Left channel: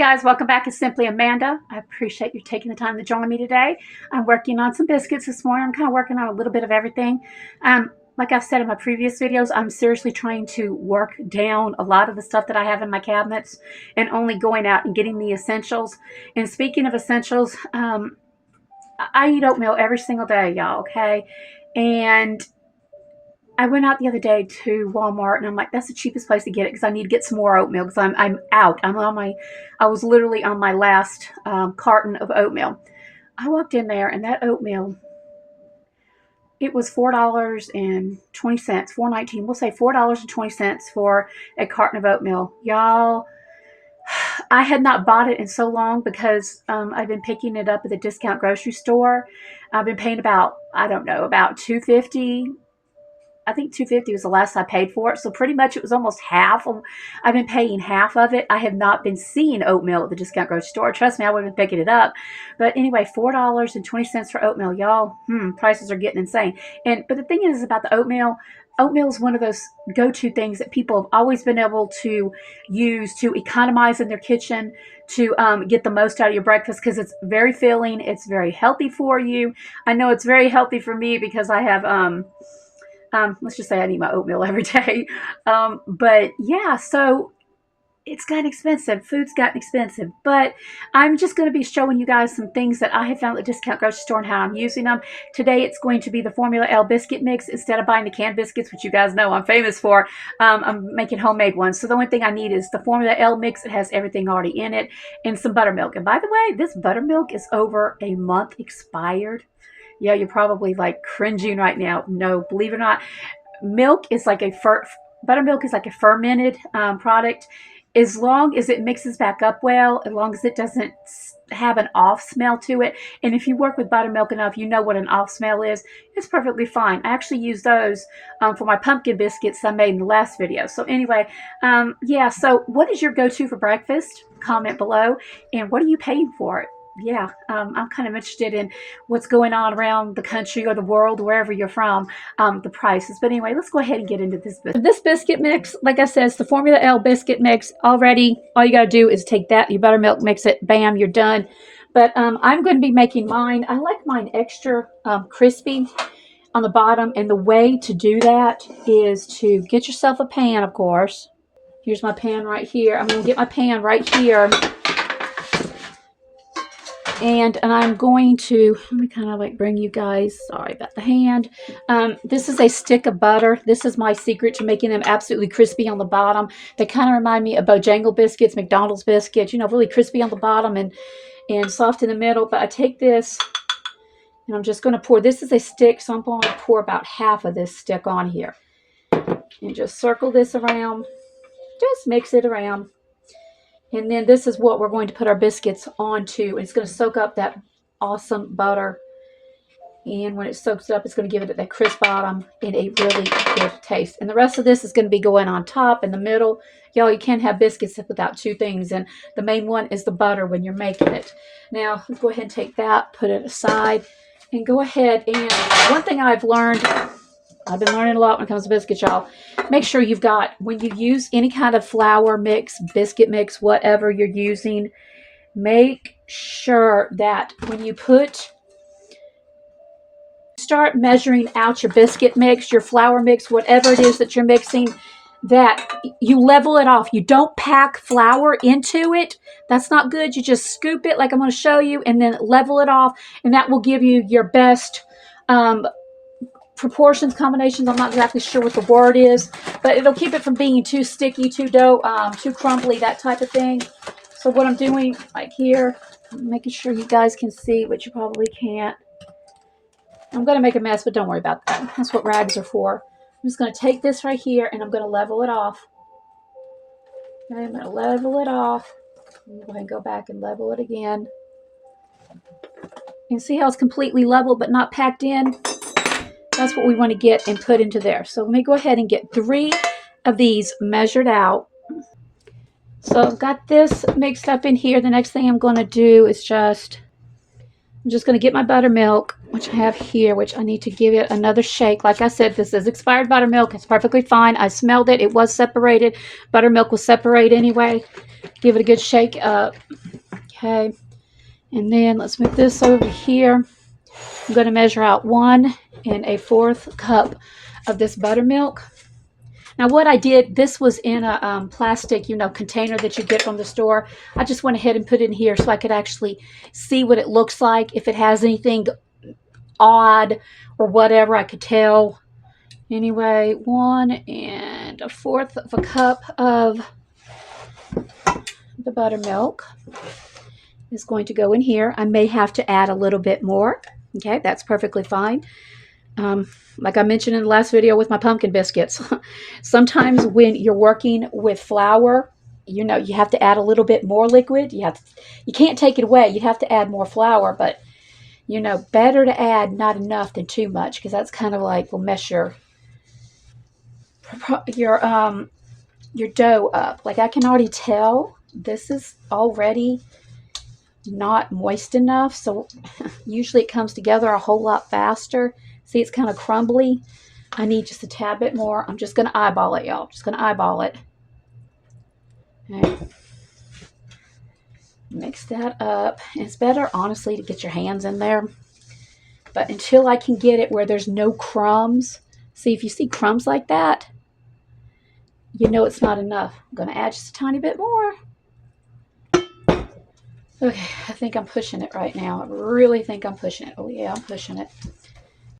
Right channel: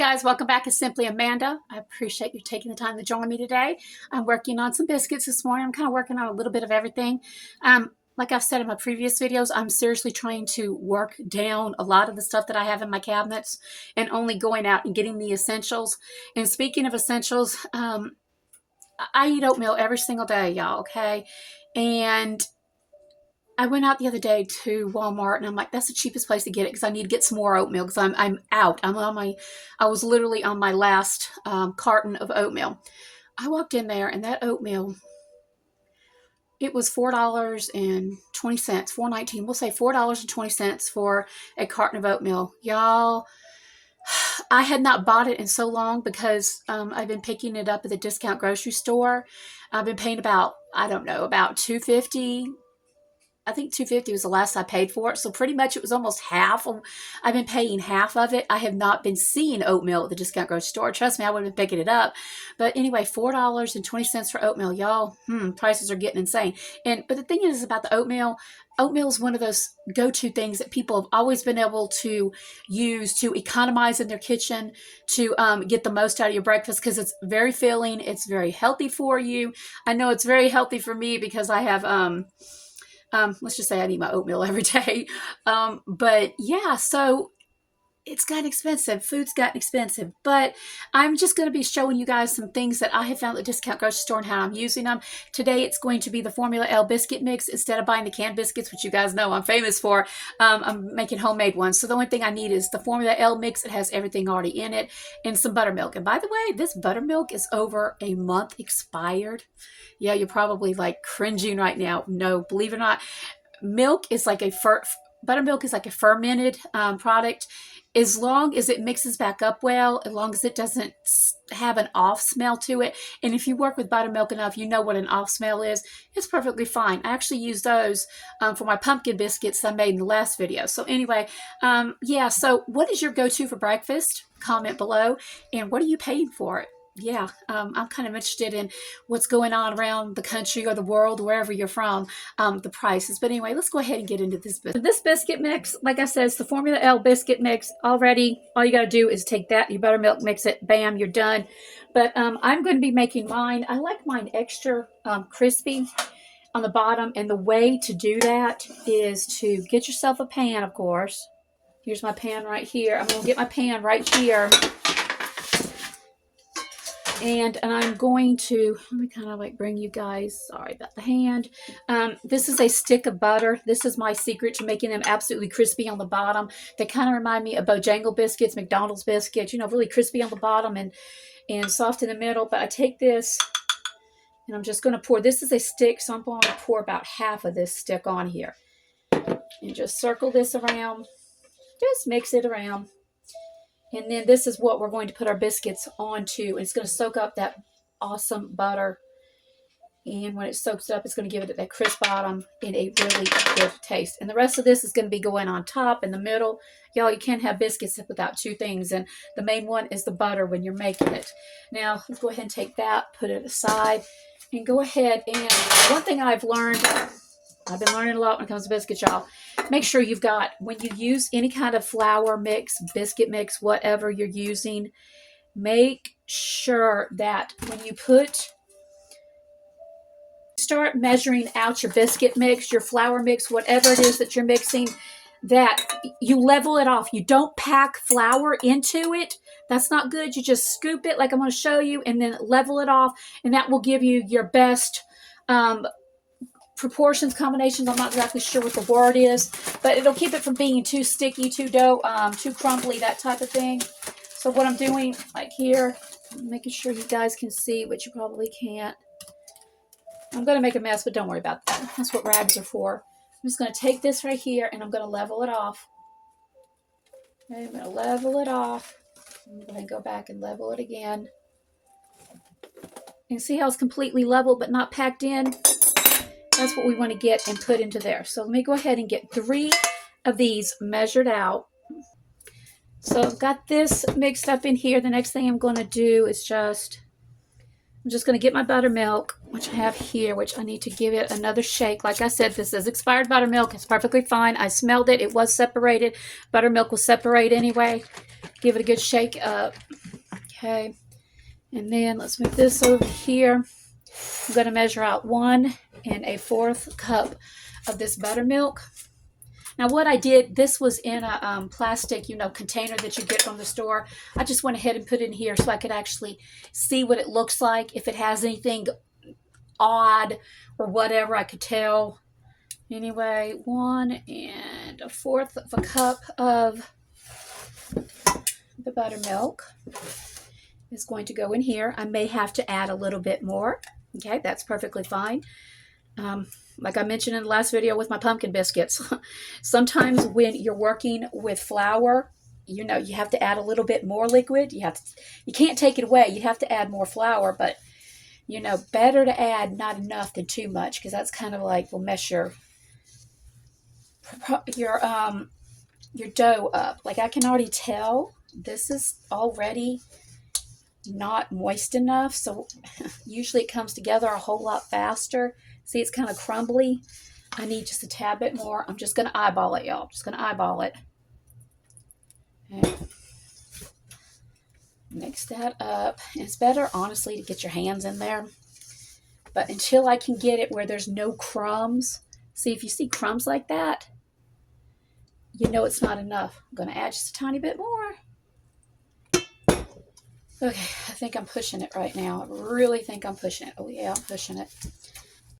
guys, welcome back. It's Simply Amanda. I appreciate you taking the time to join me today. I'm working on some biscuits this morning. I'm kind of working on a little bit of everything. Like I've said in my previous videos, I'm seriously trying to work down a lot of the stuff that I have in my cabinets and only going out and getting the essentials. And speaking of essentials, I eat oatmeal every single day, y'all, okay? And I went out the other day to Walmart and I'm like, that's the cheapest place to get it because I need to get some more oatmeal because I'm out. I was literally on my last carton of oatmeal. I walked in there and that oatmeal, it was $4.20, $4.19. We'll say $4.20 for a carton of oatmeal. Y'all, I had not bought it in so long because I've been picking it up at the discount grocery store. I've been paying about, I don't know, about $2.50. I think $2.50 was the last I paid for it. So pretty much it was almost half. I've been paying half of it. I have not been seeing oatmeal at the discount grocery store. Trust me, I would have been picking it up. But anyway, $4.20 for oatmeal. Y'all, prices are getting insane. But the thing is about the oatmeal is one of those go-to things that people have always been able to use to economize in their kitchen, to get the most out of your breakfast because it's very filling. It's very healthy for you. I know it's very healthy for me because I have... let's just say I eat my oatmeal every day. But yeah, so it's gotten expensive. Food's gotten expensive. But I'm just going to be showing you guys some things that I have found at the discount grocery store and how I'm using them. Today it's going to be the Formula L biscuit mix instead of buying the canned biscuits, which you guys know I'm famous for. I'm making homemade ones. So the only thing I need is the Formula L mix. It has everything already in it and some buttermilk. And by the way, this buttermilk is over a month expired. Yeah, you're probably like cringing right now. No, believe it or not, buttermilk is like a fermented product. As long as it mixes back up well, as long as it doesn't have an off smell to it. And if you work with buttermilk enough, you know what an off smell is. It's perfectly fine. I actually use those for my pumpkin biscuits I made in the last video. So anyway, yeah, so what is your go-to for breakfast? Comment below. And what are you paying for it? Yeah, I'm kind of interested in what's going on around the country or the world, wherever you're from, the prices. But anyway, let's go ahead and get into this biscuit. This biscuit mix, like I said, it's the Formula L biscuit mix. Already, all you got to do is take that, your buttermilk, mix it, bam, you're done. But I'm going to be making mine. I like mine extra crispy on the bottom. And the way to do that is to get yourself a pan, of course. Here's my pan right here. I'm going to get my pan right here. And I'm going to, let me kind of like bring you guys, sorry about the hand. This is a stick of butter. This is my secret to making them absolutely crispy on the bottom. They kind of remind me of Bojangles biscuits, McDonald's biscuits, you know, really crispy on the bottom and soft in the middle. But I take this and I'm just going to pour, this is a stick, so I'm going to pour about half of this stick on here. And just circle this around, just mix it around. And then this is what we're going to put our biscuits onto. It's going to soak up that awesome butter. And when it soaks it up, it's going to give it that crisp bottom and a really good taste. And the rest of this is going to be going on top in the middle. Y'all, you can't have biscuits without two things. And the main one is the butter when you're making it. Now, let's go ahead and take that, put it aside, and go ahead. And one thing I've learned, I've been learning a lot when it comes to biscuits, y'all. Make sure you've got, when you use any kind of flour mix, biscuit mix, whatever you're using, make sure that when you start measuring out your biscuit mix, your flour mix, whatever it is that you're mixing, that you level it off. You don't pack flour into it. That's not good. You just scoop it like I'm going to show you and then level it off. And that will give you your best proportions, combinations. I'm not exactly sure what the word is, but it'll keep it from being too sticky, too dough, too crumbly, that type of thing. So what I'm doing, like here, I'm making sure you guys can see, but you probably can't. I'm going to make a mess, but don't worry about that. That's what rags are for. I'm just going to take this right here, and I'm going to level it off. Okay, I'm going to level it off. I'm going to go ahead and go back and level it again. You can see how it's completely level, but not packed in. That's what we want to get and put into there. So let me go ahead and get 3 of these measured out. So I've got this mixed up in here. The next thing I'm going to do is I'm just going to get my buttermilk, which I have here, which I need to give it another shake. Like I said, this is expired buttermilk. It's perfectly fine. I smelled it. It was separated. Buttermilk will separate anyway. Give it a good shake up. Okay. And then let's move this over here. I'm going to measure out 1 1/4 cup of this buttermilk. Now what I did, this was in a plastic, container that you get from the store. I just went ahead and put it in here so I could actually see what it looks like. If it has anything odd or whatever, I could tell. Anyway, 1 1/4 cup of the buttermilk is going to go in here. I may have to add a little bit more. Okay, that's perfectly fine. Like I mentioned in the last video with my pumpkin biscuits, sometimes when you're working with flour, you have to add a little bit more liquid. You can't take it away. You have to add more flour, but better to add not enough than too much, because that's kind of like will mess your dough up. Like I can already tell this is already not moist enough, so usually it comes together a whole lot faster. See, it's kind of crumbly. I need just a tad bit more. I'm just going to eyeball it, y'all. Just going to eyeball it. Okay. Mix that up. It's better, honestly, to get your hands in there. But until I can get it where there's no crumbs. See, if you see crumbs like that, you know it's not enough. I'm going to add just a tiny bit more. Okay, I think I'm pushing it right now. I really think I'm pushing it. Oh, yeah, I'm pushing it.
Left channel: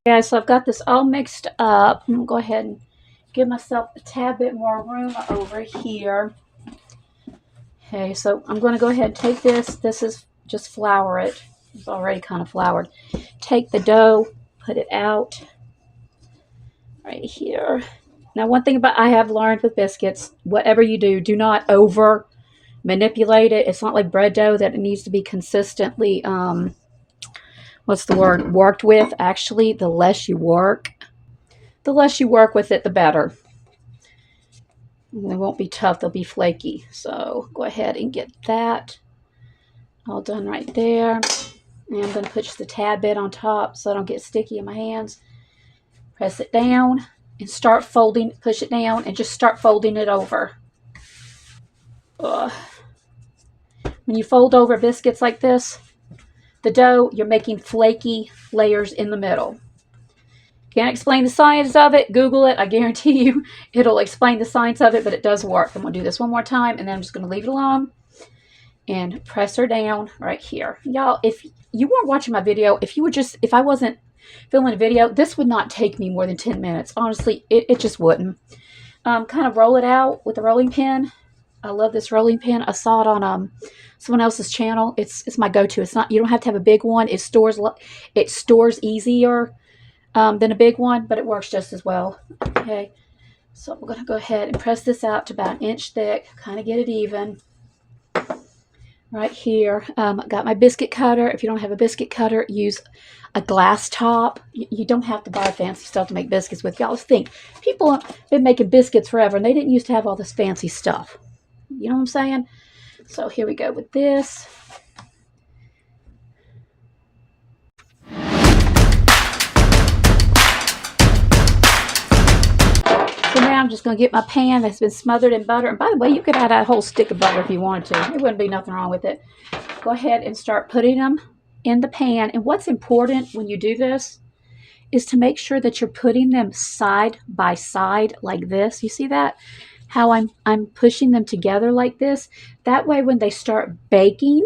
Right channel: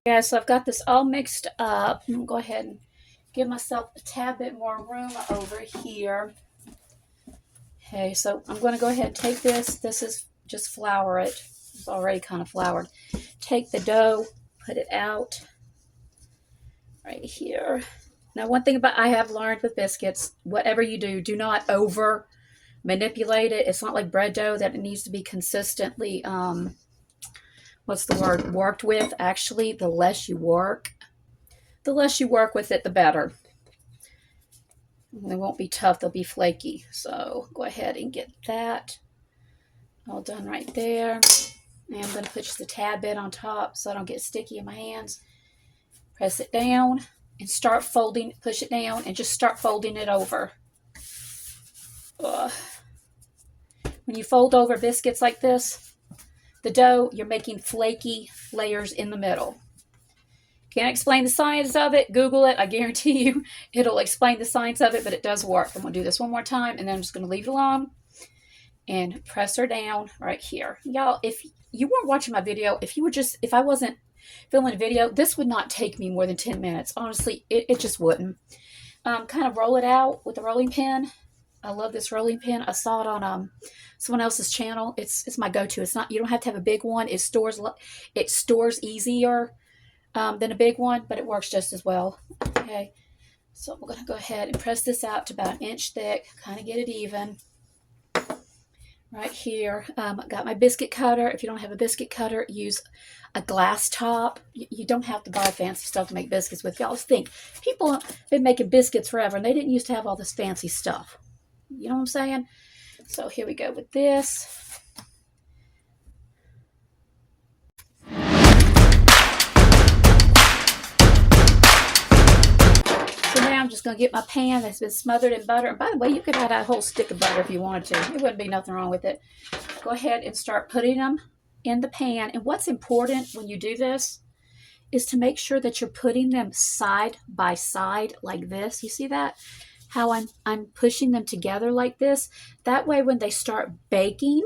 Okay, so I've got this all mixed up. I'm going to go ahead and give myself a tad bit more room over here. Okay, so I'm going to go ahead and take this. This is just flour it. It's already kind of floured. Take the dough, put it out right here. Now, one thing I have learned with biscuits, whatever you do, do not over manipulate it. It's not like bread dough that it needs to be consistently, worked with. Actually, the less you work with it, the better. They won't be tough, they'll be flaky. So go ahead and get that all done right there. And I'm going to put just a tad bit on top so I don't get sticky in my hands. Press it down and start folding, push it down and just start folding it over. When you fold over biscuits like this, the dough, you're making flaky layers in the middle. Can't explain the science of it. Google it. I guarantee you it'll explain the science of it, but it does work. I'm going to do this one more time, and then I'm just going to leave it alone and press her down right here. Y'all, if you weren't watching my video, if I wasn't filming a video, this would not take me more than 10 minutes. Honestly, it just wouldn't. Kind of roll it out with a rolling pin. I love this rolling pin. I saw it on someone else's channel. It's my go-to. It's not, you don't have to have a big one. It stores easier than a big one, but it works just as well. Okay, so we're going to go ahead and press this out to about 1 inch thick, kind of get it even. Right here, got my biscuit cutter. If you don't have a biscuit cutter, use a glass top. You don't have to buy fancy stuff to make biscuits with. Y'all think, people have been making biscuits forever, and they didn't used to have all this fancy stuff. You know what I'm saying? So here we go with this. So now I'm just going to get my pan that's been smothered in butter. And by the way, you could add a whole stick of butter if you wanted to. It wouldn't be nothing wrong with it. Go ahead and start putting them in the pan. And what's important when you do this is to make sure that you're putting them side by side like this. You see that? How I'm pushing them together like this. That way when they start baking,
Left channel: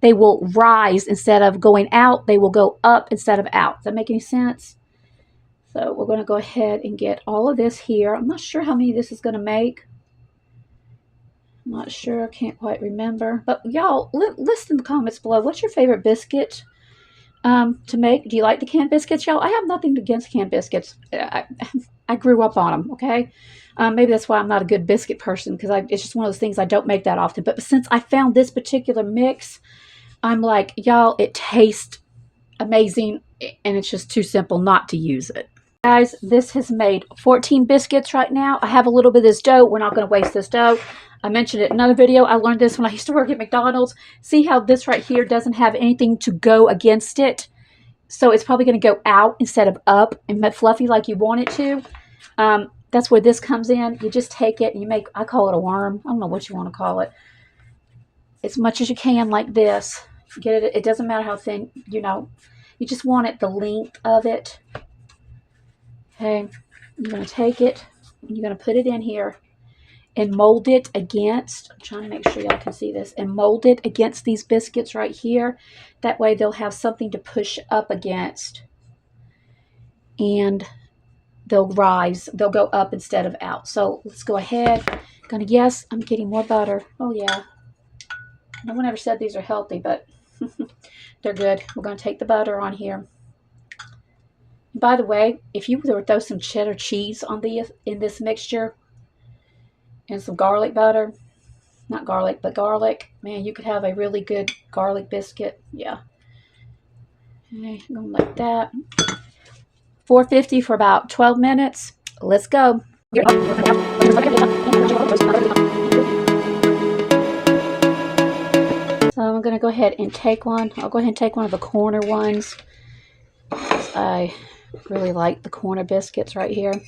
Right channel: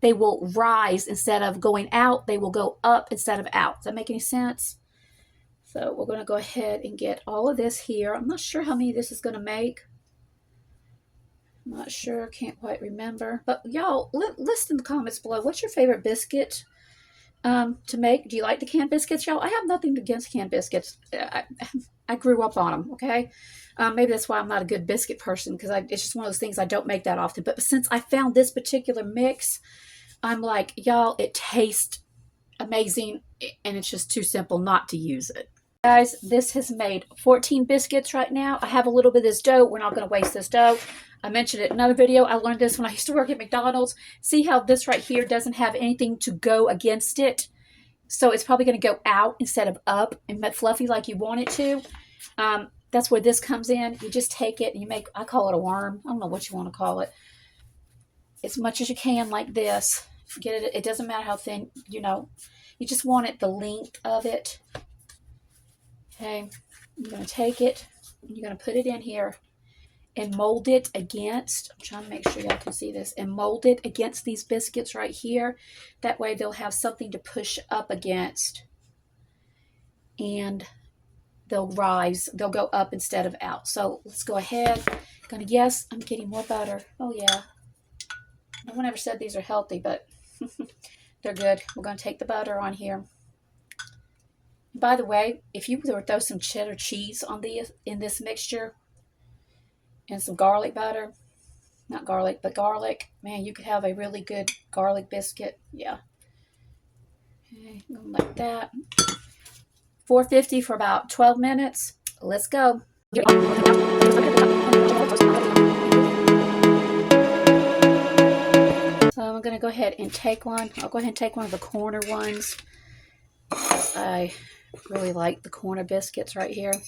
they will rise instead of going out. They will go up instead of out. Does that make any sense? So we're going to go ahead and get all of this here. I'm not sure how many this is going to make. I'm not sure. Can't quite remember. But y'all, list in the comments below. What's your favorite biscuit to make? Do you like the canned biscuits, y'all? I have nothing against canned biscuits. I grew up on them, okay? Maybe that's why I'm not a good biscuit person, because it's just one of those things I don't make that often. But since I found this particular mix, I'm like, y'all, it tastes amazing, and it's just too simple not to use it. Guys, this has made 14 biscuits right now. I have a little bit of this dough. We're not going to waste this dough. I mentioned it in another video. I learned this when I used to work at McDonald's. See how this right here doesn't have anything to go against it? So it's probably going to go out instead of up and fluffy like you want it to. that's where this comes in. You just take it and you make, I call it a worm. I don't know what you want to call it. As much as you can like this. Get it. It doesn't matter how thin, you know. You just want it the length of it. Okay. You're going to take it. And you're going to put it in here and mold it against, I'm trying to make sure y'all can see this, and mold it against these biscuits right here. That way they'll have something to push up against. And they'll rise. They'll go up instead of out. So let's go ahead. Yes, I'm getting more butter. Oh yeah. No one ever said these are healthy, but they're good. We're going to take the butter on here. And by the way, if you were to throw some cheddar cheese on in this mixture and some garlic butter, not garlic, but garlic, man, you could have a really good garlic biscuit. Yeah. Okay, I'm going like that. 450 for about 12 minutes. Let's go. So I'm going to go ahead and take one. I'll go ahead and take one of the corner ones. I really like the corner biscuits right here.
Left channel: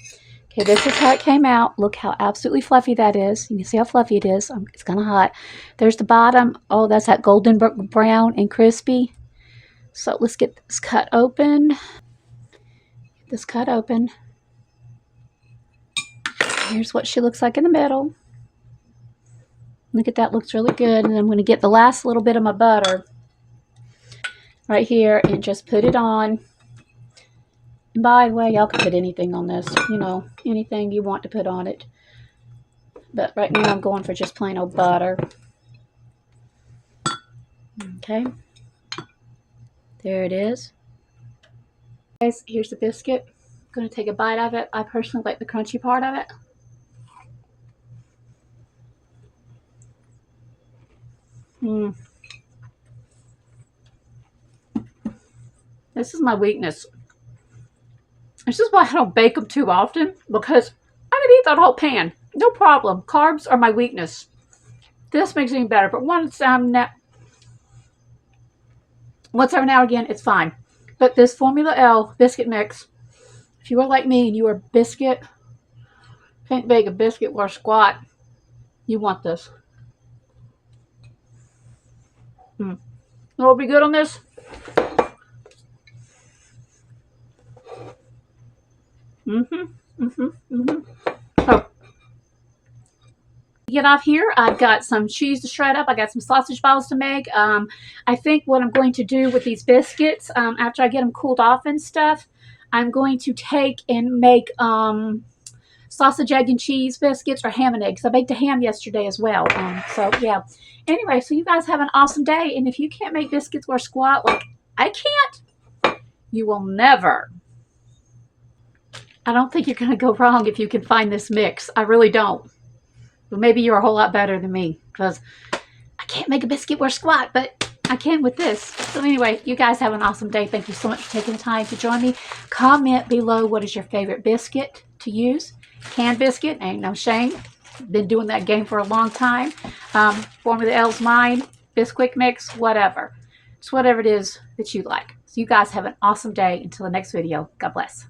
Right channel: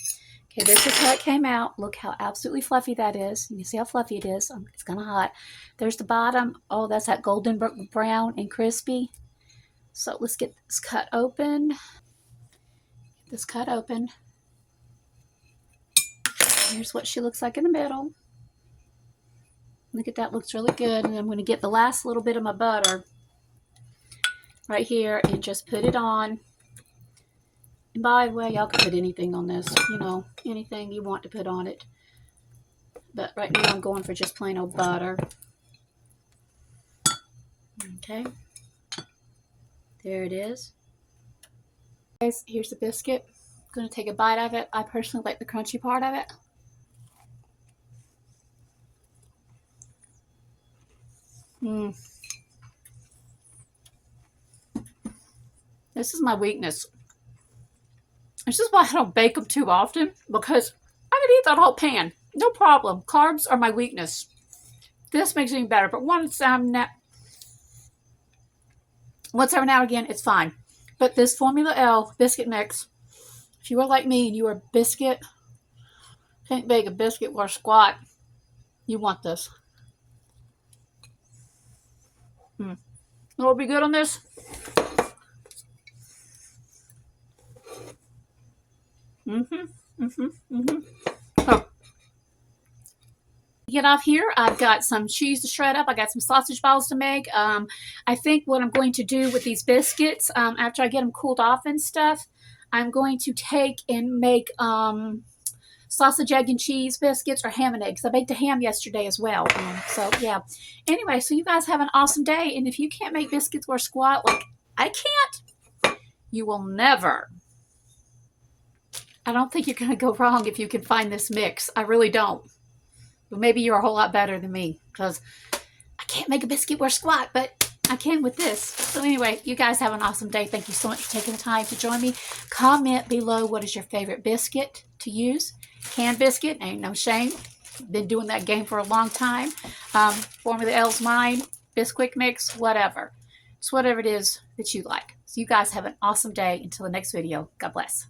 Okay, this is how it came out. Look how absolutely fluffy that is. You can see how fluffy it is. It's kind of hot. There's the bottom. Oh, that's that golden brown and crispy. So let's get this cut open. Here's what she looks like in the middle. Look at that. Looks really good. And I'm going to get the last little bit of my butter right here and just put it on. And by the way, y'all can put anything on this, you know, anything you want to put on it. But right now I'm going for just plain old butter. Okay. There it is. Guys, here's the biscuit. I'm going to take a bite of it. I personally like the crunchy part of it. This is my weakness. This is why I don't bake them too often, because I can eat that whole pan. No problem. Carbs are my weakness. This makes it even better, but once every now and again, it's fine. But this Formula L biscuit mix, if you are like me and you are biscuit, can't bake a biscuit worth squat, you want this. What'll be good on this? So, get off here. I've got some cheese to shred up. I got some sausage balls to make. I think what I'm going to do with these biscuits, after I get them cooled off and stuff, I'm going to take and make sausage, egg, and cheese biscuits, or ham and eggs. I baked a ham yesterday as well. So yeah. Anyway, so you guys have an awesome day. And if you can't make biscuits worth squat like I can't, you will never. I don't think you're going to go wrong if you can find this mix. I really don't. But maybe you're a whole lot better than me, because I can't make a biscuit worth squat, but I can with this. So anyway, you guys have an awesome day. Thank you so much for taking the time to join me. Comment below what is your favorite biscuit to use. Canned biscuit, ain't no shame. Been doing that game for a long time. Formula L's mine. Bisquick mix, whatever. It's whatever it is that you like. So you guys have an awesome day. Until the next video, God bless.